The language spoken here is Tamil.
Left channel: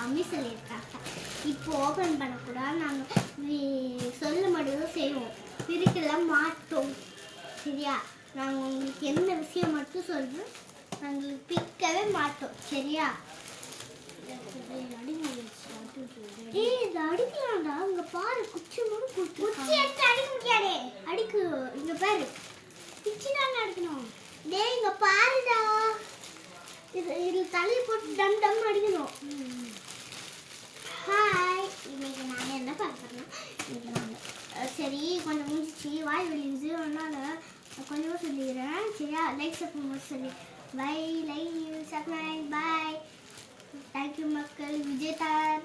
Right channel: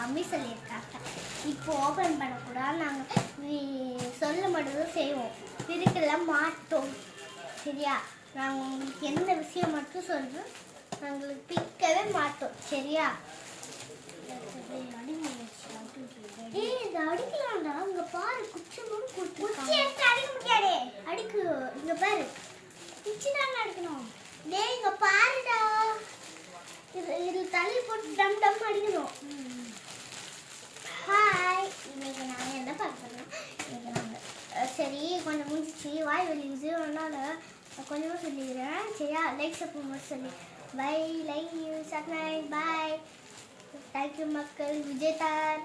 மம்மி சொல்லியிருக்காங்க. இப்போ ஓப்பன் பண்ணக்கூடாது, நாங்கள் சொல்ல மட்டும் செய்வோம், பிரிக்கலாம் மாட்டோம். சரியா? நாங்கள் உங்களுக்கு எந்த விஷயம் மட்டும் சொல்கிறோம், நாங்களுக்கு பிரிக்கவே மாட்டோம். சரியா? இது அடிக்கலாம்டா. இங்க பாரு, குச்சி மூணு குச்சி எடுத்து அடிக்க முடியாதே. அடிக்கு, இங்க பாரு, குச்சி தான் அடிக்கணும். டேய் இங்க பாருடா, இது தள்ளி போட்டு டம் டம் அடிக்கணும். ஹாய், இன்னைக்கு நாங்கள் என்ன பார்க்குறோம்? இன்னைக்கு நாங்கள் சரி கொஞ்சம் முடிஞ்சிச்சு, வாய் வெளியுது, அதனால கொஞ்சமாக சொல்லிடுறேன். சரியா? லைக் சப்போர்ட் சொல்லி by, like you, subscribe, bye. Thank you மக்கள். விஜய் தார்.